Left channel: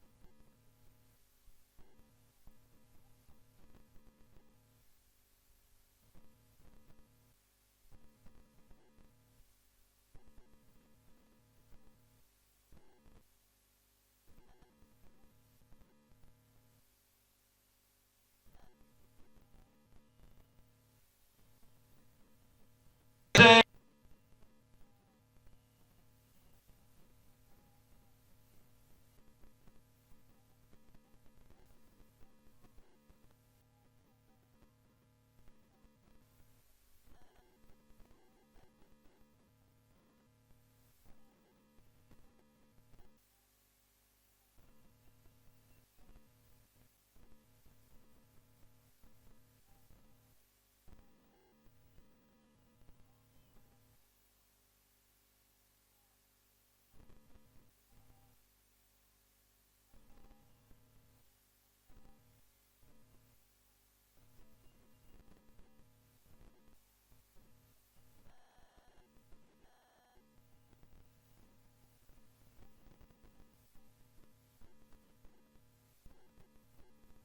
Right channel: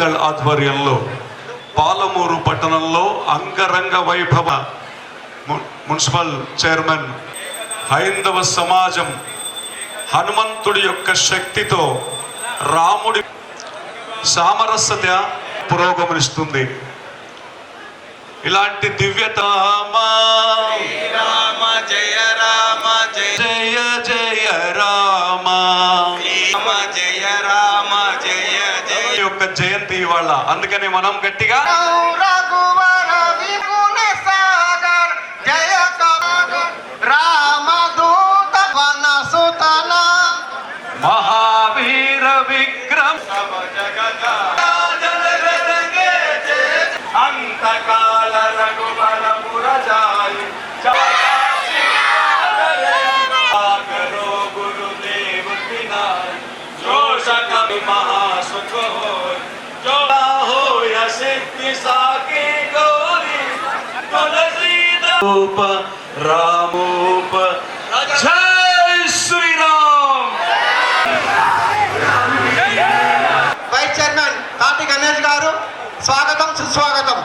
దళ్ ఆధ్వర్యంలో పాలమూరు పట్టణంలో అంగరంగ వైభవ మున్సిపల్ చైర్మన్ హైందవ సమాజం హనుమంతుడి యొక్క శక్తితో రాముడి సామరస్యత పురోగమనిస్తుంది. ఇలాంటి దివ్యత జయ రామ జయ జయ రామ జయ రామ జయ జయ యొక్క జయంతి ఇవాళ. అందుకని మనం గట్టిగా మహావీర విక్రమ్ అంతకాల రఘుబల పురజాయి గురుదేవ జోష కవి మహాసుఖ హోయ సిద్ధి సాకి గౌరీ రూప రామోప జై శ్రీరామ్. వైస్ చైర్మన్ తాటి గణేష్ గారు స్వాగతం సుస్వాగతం.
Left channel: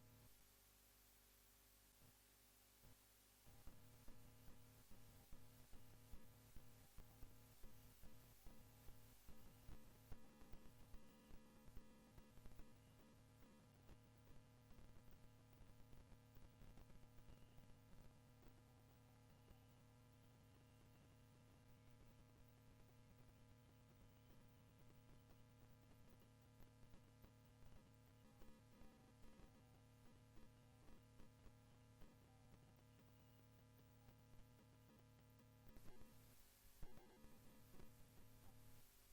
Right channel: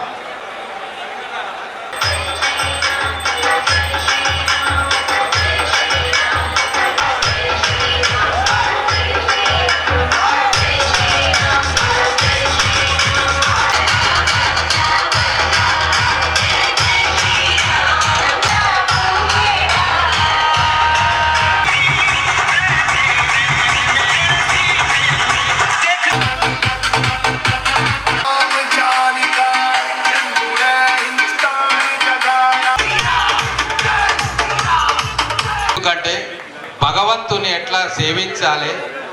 ఎందుకంటే భగవంతుని ఎట్లా సేవించాలి,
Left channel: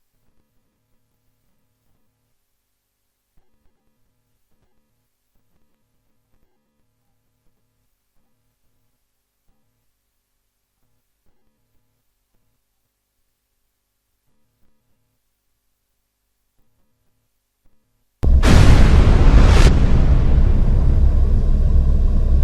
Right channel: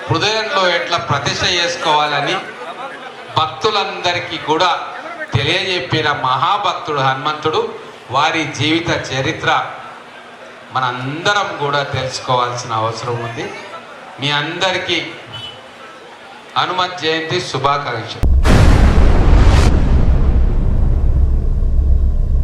హృదయంలో ఎట్లా ప్రతిష్ట చేసుకోవాలని భక్తులందరికీ కూడా తెలియజెప్పిన మహాభక్తుడు హనుమంతుడు. వారి జీవిత చరిత్ర మనందరం కూడా తెలుసుకోవాల్సిన అవసరం ఉంది. మీ అందరికీ హనుమత్ జయంతి శుభాకాంక్షలు.